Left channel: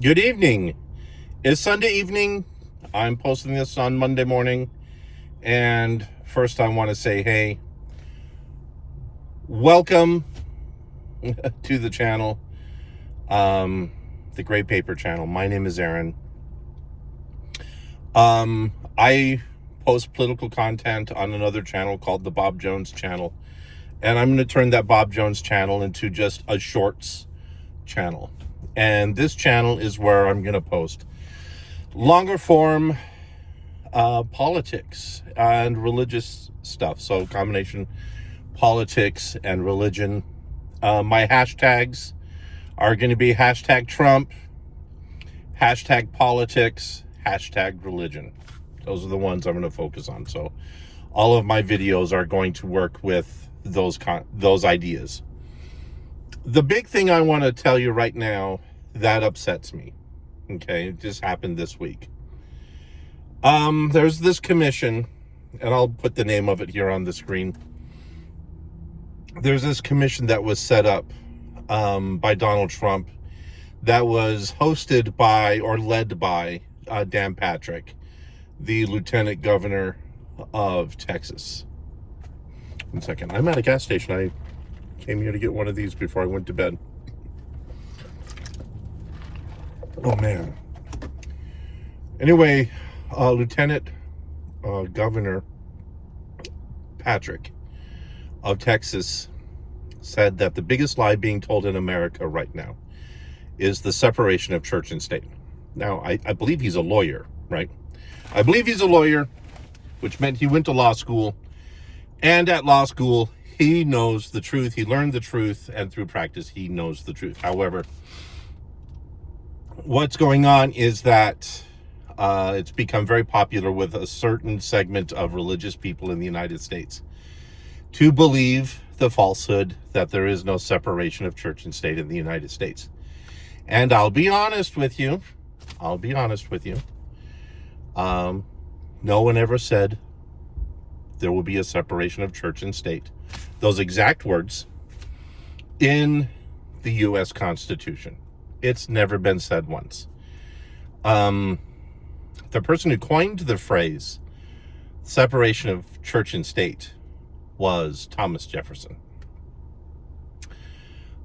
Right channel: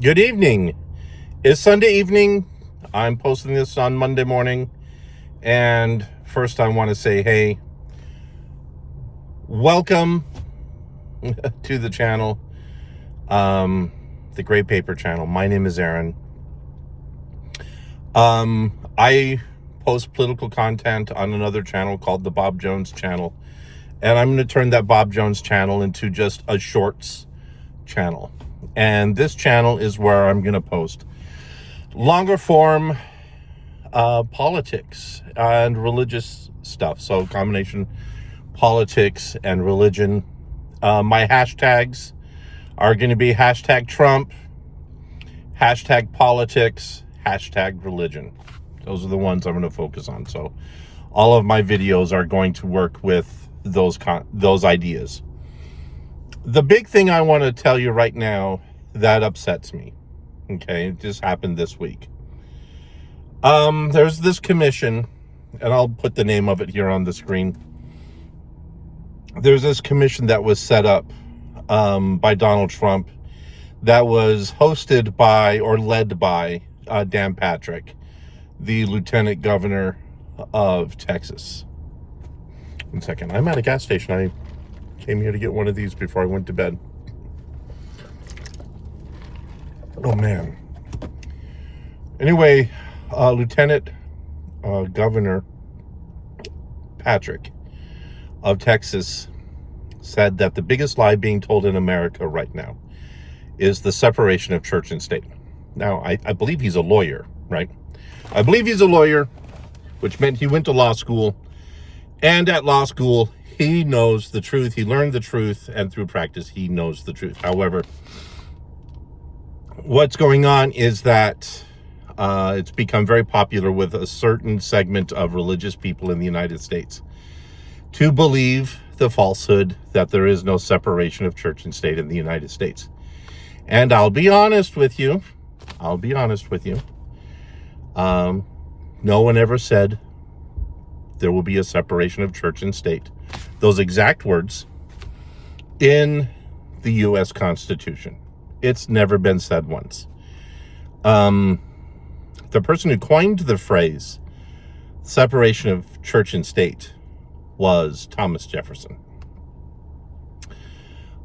Good evening. It's Sunday evening. I'm posting this on Monday morning. And first, I want to say, hey, welcome to the channel, the Gray Paper channel. My name is Aaron. I post political content on another channel called the Bob Jones channel. And I'm going to turn that Bob Jones channel into just a shorts channel. And this channel is where I'm going to post longer form politics and religious stuff. So combination politics and religion. My hashtags are going to be hashtag Trump, hashtag politics, hashtag religion. Those are the ones I'm going to focus on. So all of my videos are going to work with those ideas. The big thing I want to tell you right now that upsets me, okay, it just happened this week. There's this commission, and I'll put the name of it here on the screen. There's this commission that was set up by Donald Trump that was hosted by or led by Dan Patrick, the Lieutenant Governor of Texas. 1 second. I'm at a gas station. I came here to get one of these before I went to bed. Oh, man. Anyway, Lieutenant Governor Patrick of Texas said that the biggest lie being told in America right now is the separation of church and state. Now, I believe he's a lawyer, right? I believe he's a lawyer, which meant he went to law school. And at law school, he knows the truth. He learned the truth, and through practice, he knows the truth. However, what's going on is that it's become very popular with a certain segment of religious people in the United States to believe the falsehood that there is no separation of church and state in the United States. And I'll be honest with you. No one ever said there will be a separation of church and state. Those exact words in the U.S. Constitution. It's never been said once. The person who coined the phrase separation of church and state was Thomas Jefferson.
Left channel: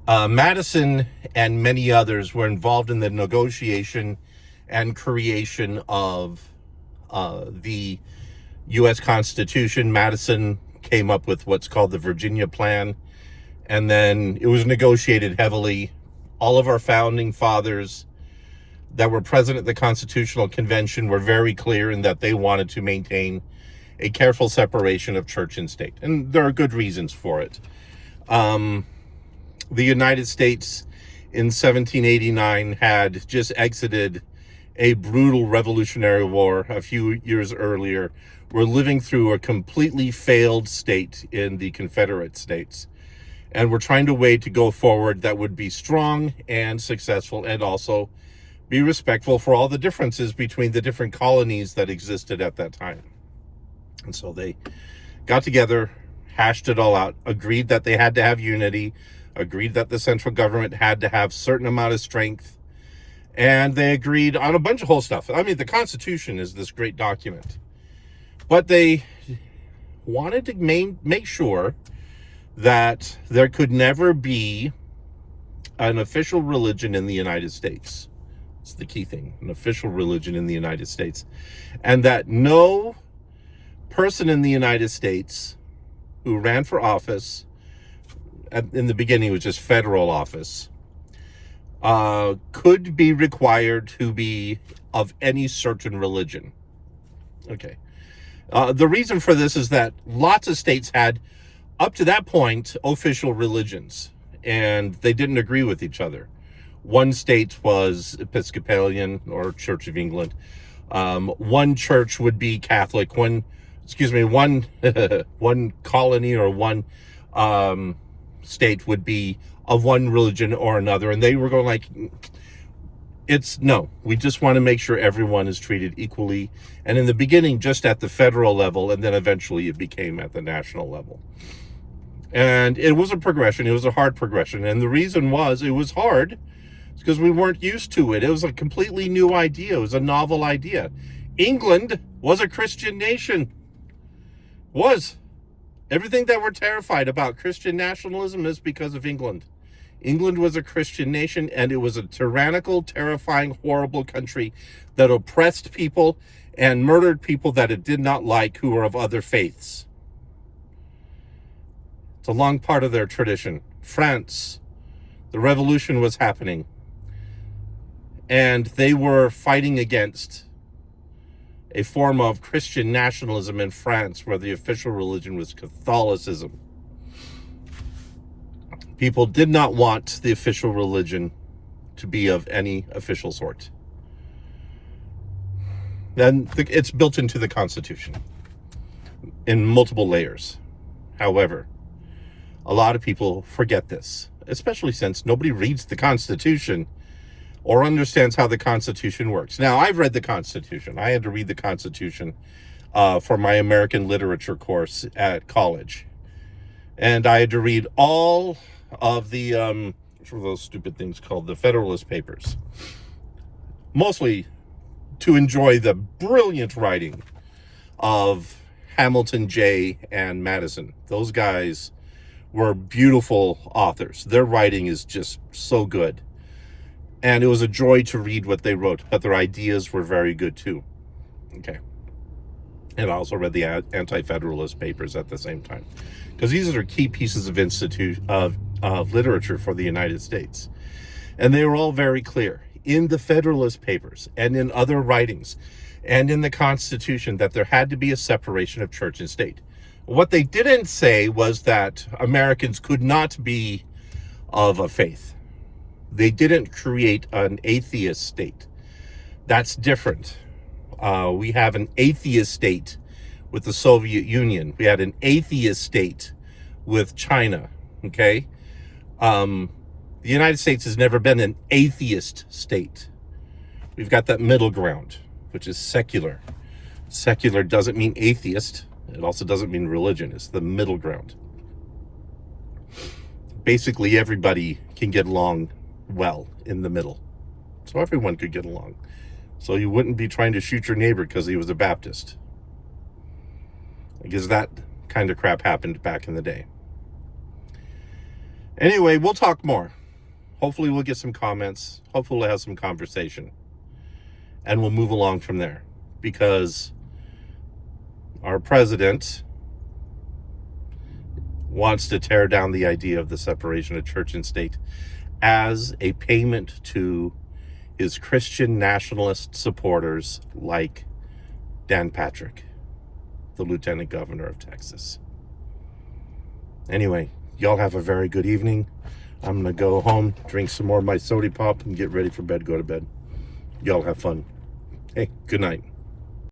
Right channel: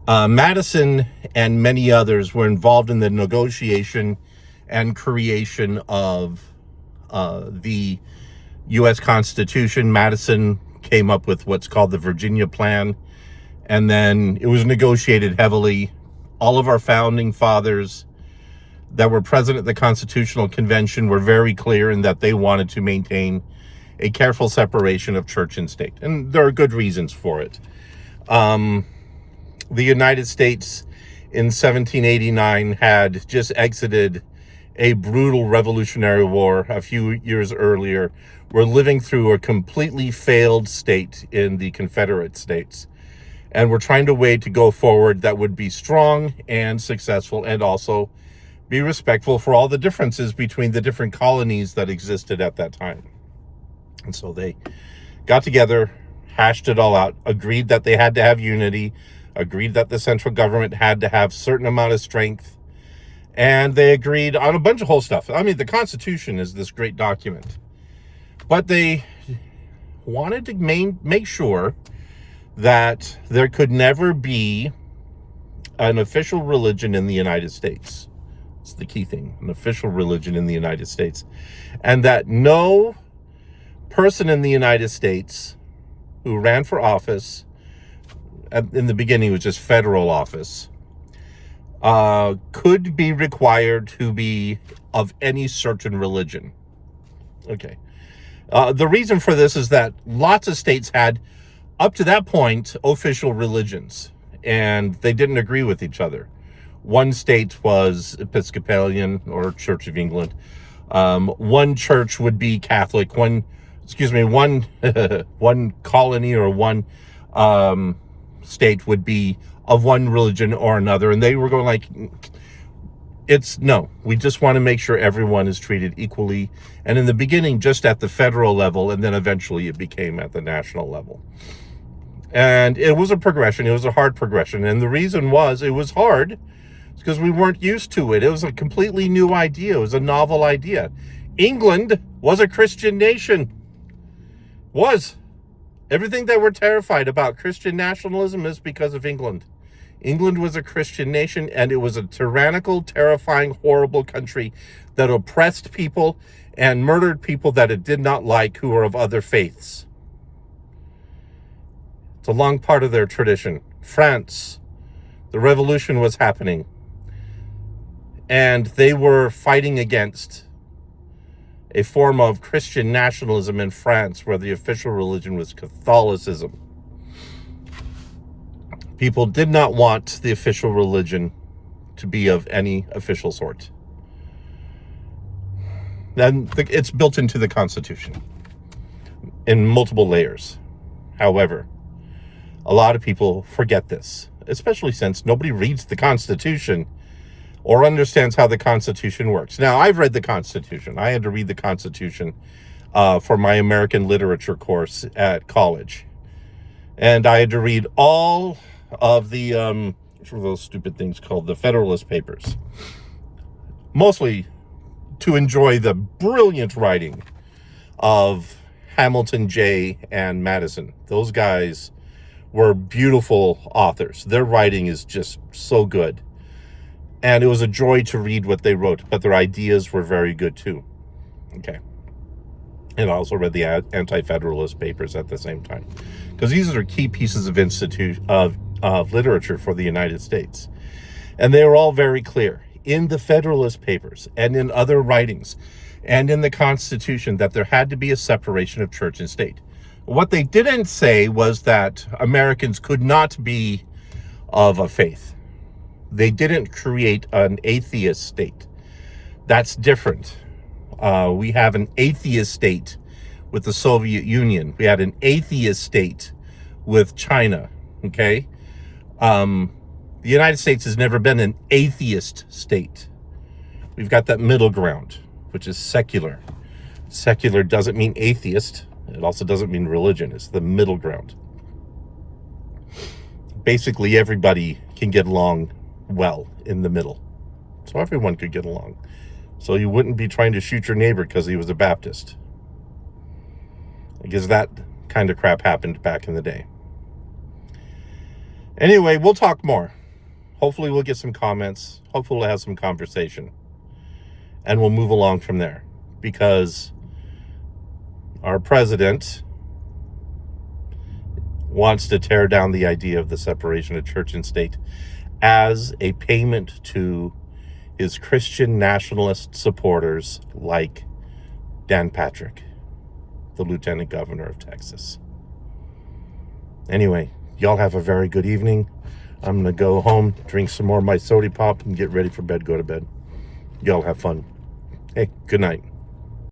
Madison and many others were involved in the negotiation and creation of the U.S. Constitution. Madison came up with what's called the Virginia Plan, and then it was negotiated heavily. All of our founding fathers that were present at the Constitutional Convention were very clear in that they wanted to maintain a careful separation of church and state. And there are good reasons for it. The United States in 1789 had just exited a brutal Revolutionary War a few years earlier. We're living through a completely failed state in the Confederate States. And we're trying to way to go forward that would be strong and successful and also be respectful for all the differences between the different colonies that existed at that time. And so they got together, hashed it all out, agreed that they had to have unity, agreed that the central government had to have a certain amount of strength, and they agreed on a bunch of whole stuff. I mean, the Constitution is this great document. But they wanted to make sure that there could never be an official religion in the United States. It's the key thing, an official religion in the United States. And that no person in the United States who ran for office, in the beginning it was just federal office, could be required to be of any certain religion. Okay. The reason for this is that lots of states had, up to that point, official religions, and they didn't agree with each other. One state was Episcopalian or Church of England. One church would be Catholic. One colony or one state would be of one religion or another. And they were going like, we just want to make sure everyone is treated equally. And in the beginning, just at the federal level, and then eventually it became at the national level. And it was a progression. It was a hard progression. And the reason was it was hard It's because we weren't used to it. It was a completely new idea. It was a novel idea. England was a Christian nation. Was. Everything that we're terrified about Christian nationalism is because of England. England was a Christian nation, and it was a tyrannical, terrifying, horrible country that oppressed people and murdered people that it did not like who were of other faiths. It's a long part of their tradition. France, the revolution was happening, and they were fighting against a form of Christian nationalism in France where the official religion was Catholicism. People did not want the official religion to be of any official sort. Then it's built into the Constitution in multiple layers. However, a lot of people forget this, especially since nobody reads the Constitution or understands how the Constitution works. Now, I've read the Constitution. I had to read the Constitution for my American literature course at college. And I had to read all of the, what were those stupid things called? The Federalist Papers. Mostly to enjoy the brilliant writing of Hamilton Jay and Madison. Those guys were beautiful authors. Their writing is just so good. And it was a joy to read what they wrote, but their ideas were very good too. Okay. And I also read the Anti-Federalist Papers at the same time, because these are key pieces of literature for the United States. And they were all very clear in the Federalist Papers and in other writings and in the Constitution that there had to be a separation of church and state. What they didn't say was that Americans could not be of a faith. They didn't create an atheist state. That's different. We have an atheist state with the Soviet Union. We had an atheist state with China, okay? The United States has never been an atheist state. We've got that middle ground, which is secular. Secular doesn't mean atheist. It also doesn't mean religion. It's the middle ground. Basically, everybody can get along well in the middle. So everyone could get along. So you wouldn't be trying to shoot your neighbor because he was a Baptist. I guess that kind of crap happened back in the day. Anyway, we'll talk more. Hopefully we'll get some comments. Hopefully we'll have some conversation. And we'll move along from there. Because our president wants to tear down the idea of the separation of church and state as a payment to his Christian nationalist supporters like Dan Patrick, the Lieutenant Governor of Texas. Anyway, y'all have a very good evening. I'm going to go home, drink some more of my soda pop, and get ready for bed, go to bed. Y'all have fun. Hey, good night.